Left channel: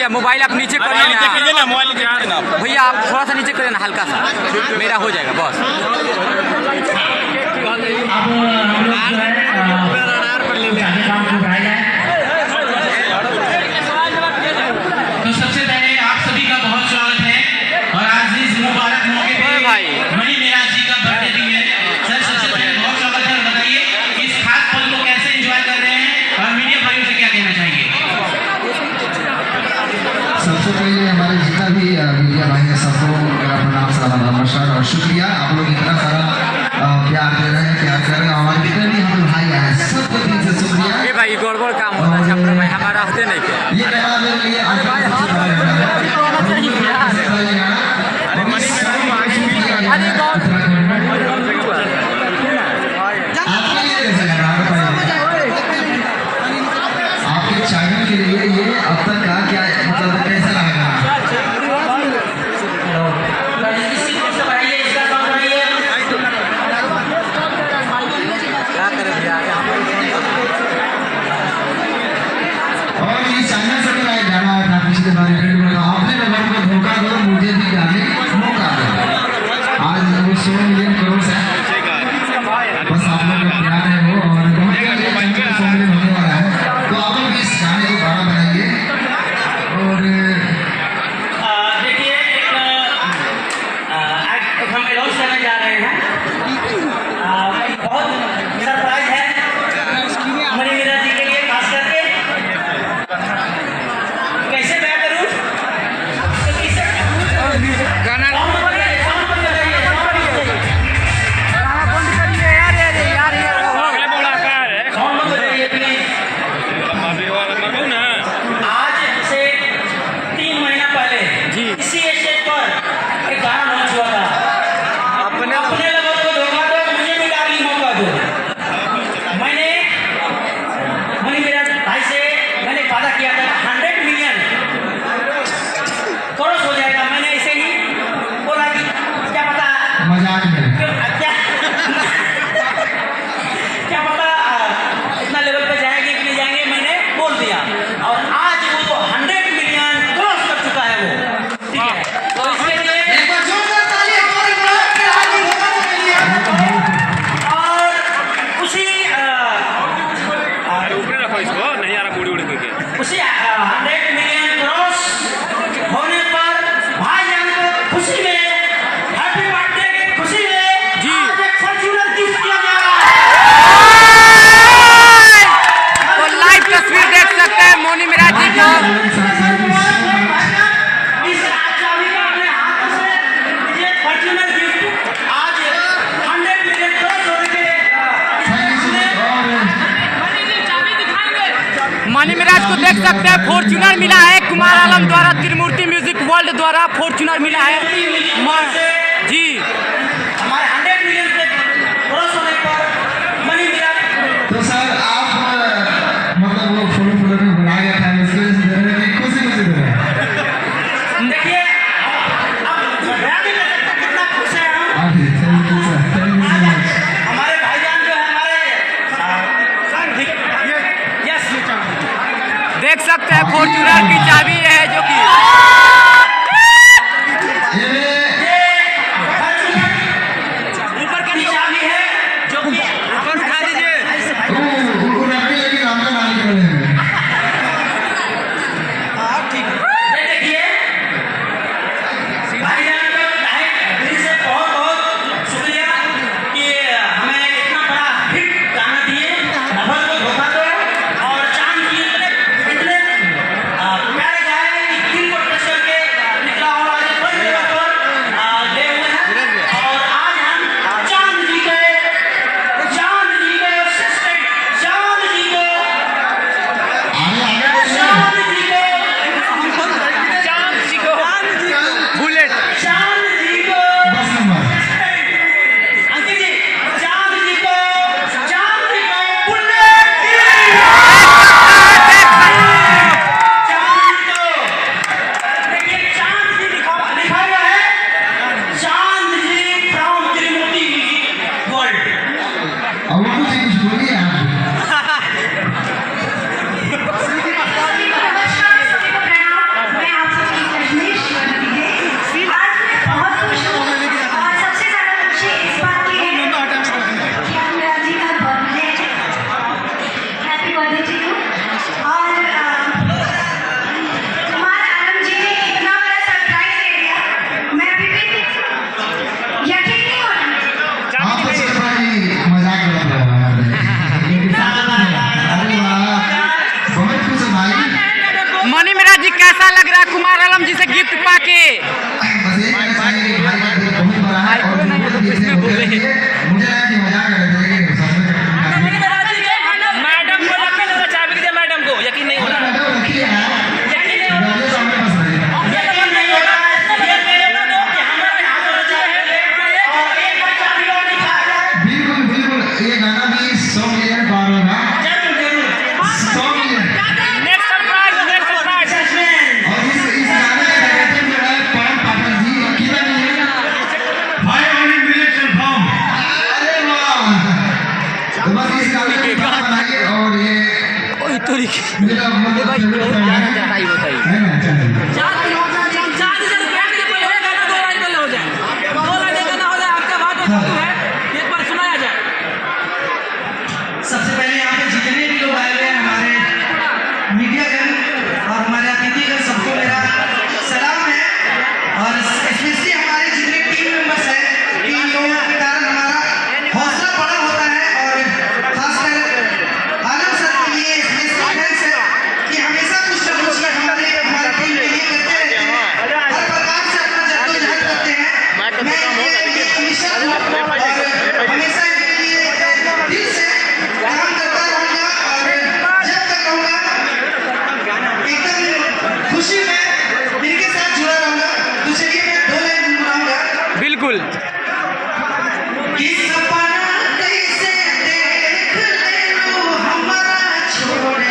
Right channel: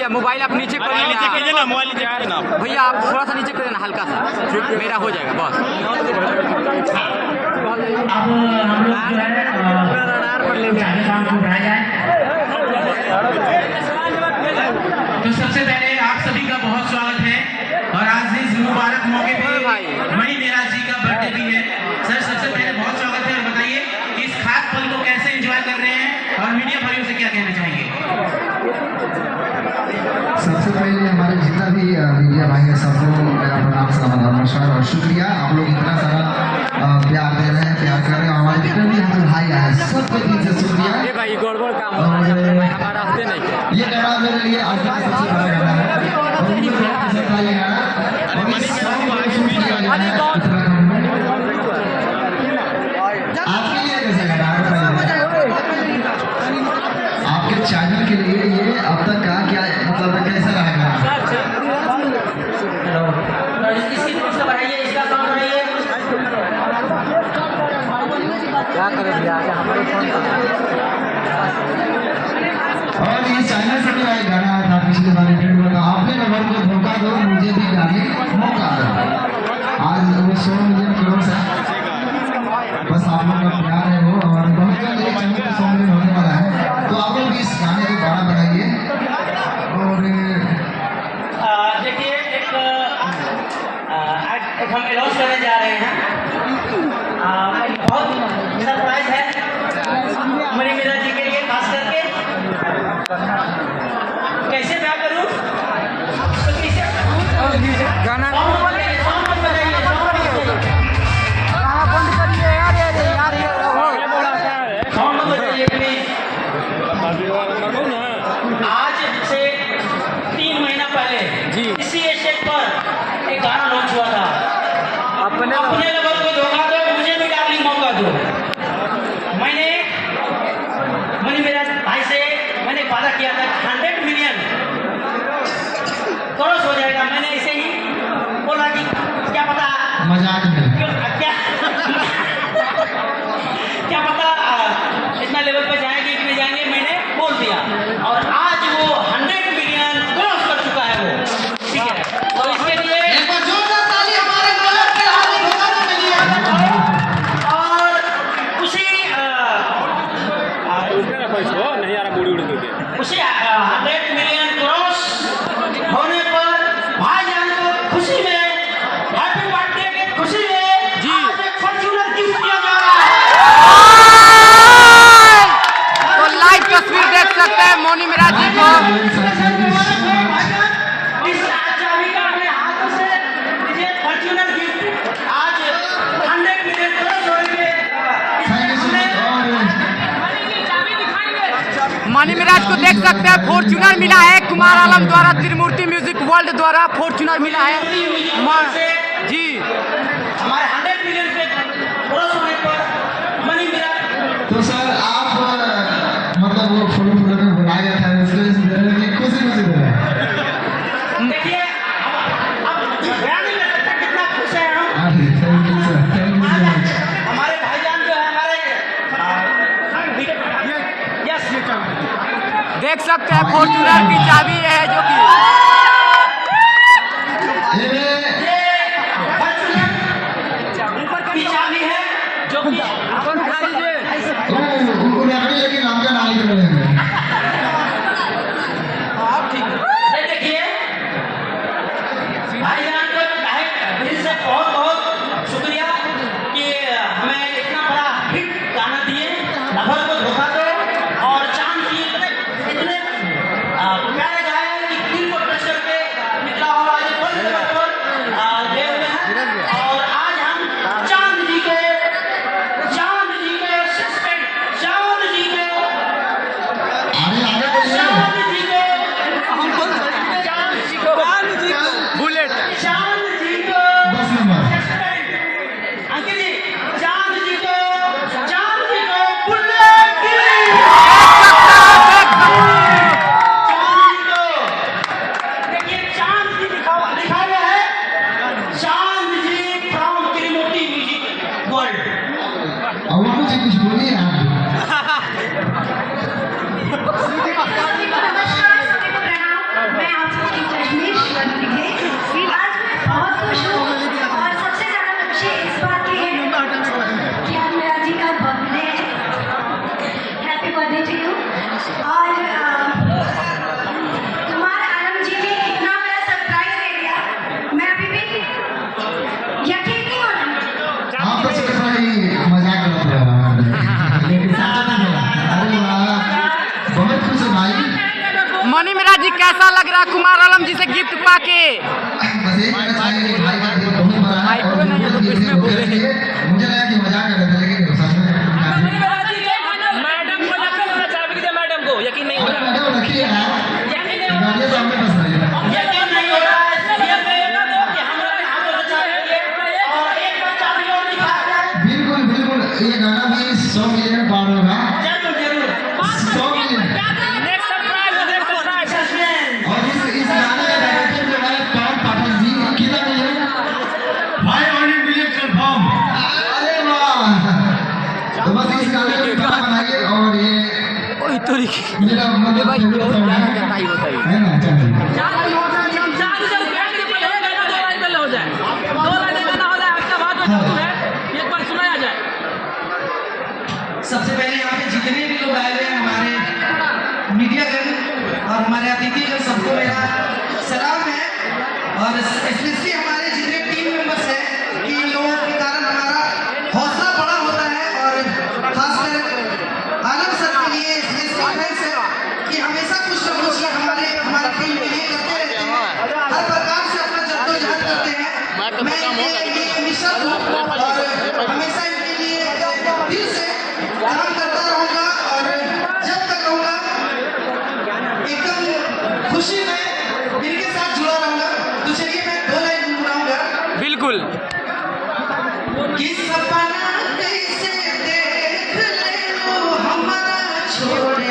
भैया मोबाइल आप नीचे करिए ना, भैया आप थोड़ा सा नीचे करिए ना, हल्का सा, मेरा हो जाएगा बस। तो सबसे पहले आप सभी का बहुत स्वागत है और आज इस मुबारक मौके पर मणि मिराज जी का बर्थडे दिन है। सर सबसे पहले बहुत स्वागत है, बताइए इस खास पल को कैसे एंजॉय कर रहे हैं और मीडिया भाइयों से क्या कहना चाहेंगे। सबसे पहले हमारे जितना भी मीडिया भाई है सबको मेरा प्रणाम, सलाम, नमस्कार और शुक्रिया। आप लोग इतना सारा प्यार दे रहे हैं, प्यार कर रहे हैं, हमारे जितने भी हम भाई हैं सबको दिल से शुक्रिया। ये भाई गड़बड़ काम होता है, हमारा होते नहीं क्या ये गाना मेरे लिए आज का सबसे बड़ा गाना है। आपके लिए कैसा गाना बताइए, आपके चैनल के लिए ये अब तक का क्या मतलब कैसा लगा? और ये चैनल से भी एक गाना था पिछले गाने में, आपने नंबर को धोखा दो मुझे भी गाने मौका दो। आज वो 100 मिलियन करोड़ है, बस आप लोग का प्यार है वो, और बहुत जल्द 100 मिलियन होने वाला है। तो आप लोग इस गाने को बड़ा बनाइए। और देखिए एक हम अनाउंस करने जा रहे हैं, बहुत सरप्राइज है मणि मिराज जी के लिए, खास करके कैसे मैं करूं गाना आज से 3 महीना पहले जी इसी स्टेज पर एक गाना लॉन्च हुआ था, अपने लोगों को धोखा दो मुझे भी गाली मौका दो। मैंने मणि मिराज भाई से मैंने वादा किया था 100 मिलियन क्रॉस हो जाएगा। मैंने ऐसे ही बोला कि क्या पता मजाक में क्या पता इतना लेवल पे जाएंगे कि नहीं जाएंगे, मैंने बोल दिया और आज वो 100 मिलियन क्रॉस कर चुका है वो, ठीक है। तो इसके लिए एक बार जोरदार ताली हमारे ब्लॉग के आगे धोखा के लिए। और उसी नहीं आ रहा बूढ़ी उड़ करके उसी 100 मिलियन क्रॉस होने पर भाईजान को खुशी में हैप्पी बर्थडे की खुशी में जी। आज एक फॉर्च्यूनर गिफ्ट किया जा रहा है। तो लाइव तस्वीर देख सकते हैं मणि मिराज जी को। इस चाबी का अपने हाथों से ये फॉर्च्यूनर गिफ्ट आज 100 मिलियन क्रॉस होने के मणि मिराज को देख सकते हैं, फॉर्च्यूनर मिला है कुमार आलम द्वारा, त्रिमूर्ति म्यूजिक वर्ल्ड द्वारा फॉर्च्यूनर मिला है जी। हमारे 100 मिलियन के क्रॉस होने पर मणि मिराज तो सर आप मतलब वो फूल में बुलाया गया था, उसके वजह से देने की खुशी दे रहे हैं। देखिए अब बयान नहीं कर सकता कितना खुश है हम। Thank you sir, thank you so much. हमारे भाईजान जो है यस देख सकते हैं फॉर्च्यूनर की चाबी ये है जो कि ऊपर की चाबी है जो कि ऊपर उठा दीजिए। लेकिन आपका नाम कर रहे हैं। ये देखिए भाईजान को दिल से बहुत बहुत शुक्रिया कि हमें इतना बड़ा हिट गाना दिए, नफरत को धोखा दो और चांद की इतने प्यारे गाए कि दिल को टच करके कैसा लग रहा है कुमार आलम जी से गिफ्ट पाके? बस एक कहना चाहेंगे कि भाई का दिल बहुत बड़ा है और बिल्कुल भी ऐसे होते हैं। मुझे लगा कि मजाक कर रहे थे लेकिन सच में मैडम को यकीन नहीं हो रहा मैडम रखिए यार, गाने सामने बस रहे हैं। यकीन नहीं हो रहा है ये प्रेरणा दो कि हमारे हाथ में बचा है और एक बच्चा भी और नहीं खाएगा। बिल्कुल बिल्कुल, ये गाना भी 100 मिलियन पार होगा। जरूर जरूर 100 मिलियन। नेक्स्ट सरप्राइज और इस गाने का डायरेक्टर जो है पवन पाठक जी, कितना मिलियन? 500 million confirm. अरे वाह, तो बस इस गाने को गाना बनाइए और ये ओए तोरी के मेरा मतलब भाई फेवरेट बहुत song ज्यादा है। चढ़ाई होता है। है ना, चलिए। सबसे पहले यहाँ पे जितने भी लोग आए हुए हैं हमारे मीडियागण और हमारे अतिथिगण, सबको मेरा सलाम है। और स्पेशली हमारे जितने टीम मेंबर्स हैं, इन लोगों के कारण हमारा हौसला बड़ा होता है। और खासकर आलम सर के लिए स्पेशल थैंक्स है कि हमेशा कुछ न कुछ हमारे टीम के लिए करते रहते हैं, हर प्रकार से अपना जद्दोजहद करते हैं। मैं इनके मिशन हूँ और हमेशा इनके लिए दिल से काम करता रहूंगा और जब तक रहूंगा एकदम खुशी में इनके साथ जुड़ा रहूंगा। तो चलिए मैं 2 लाइन गुनगुनाऊंगा बिल्कुल कि सपना कैसे देख ले लो हमारा छोड़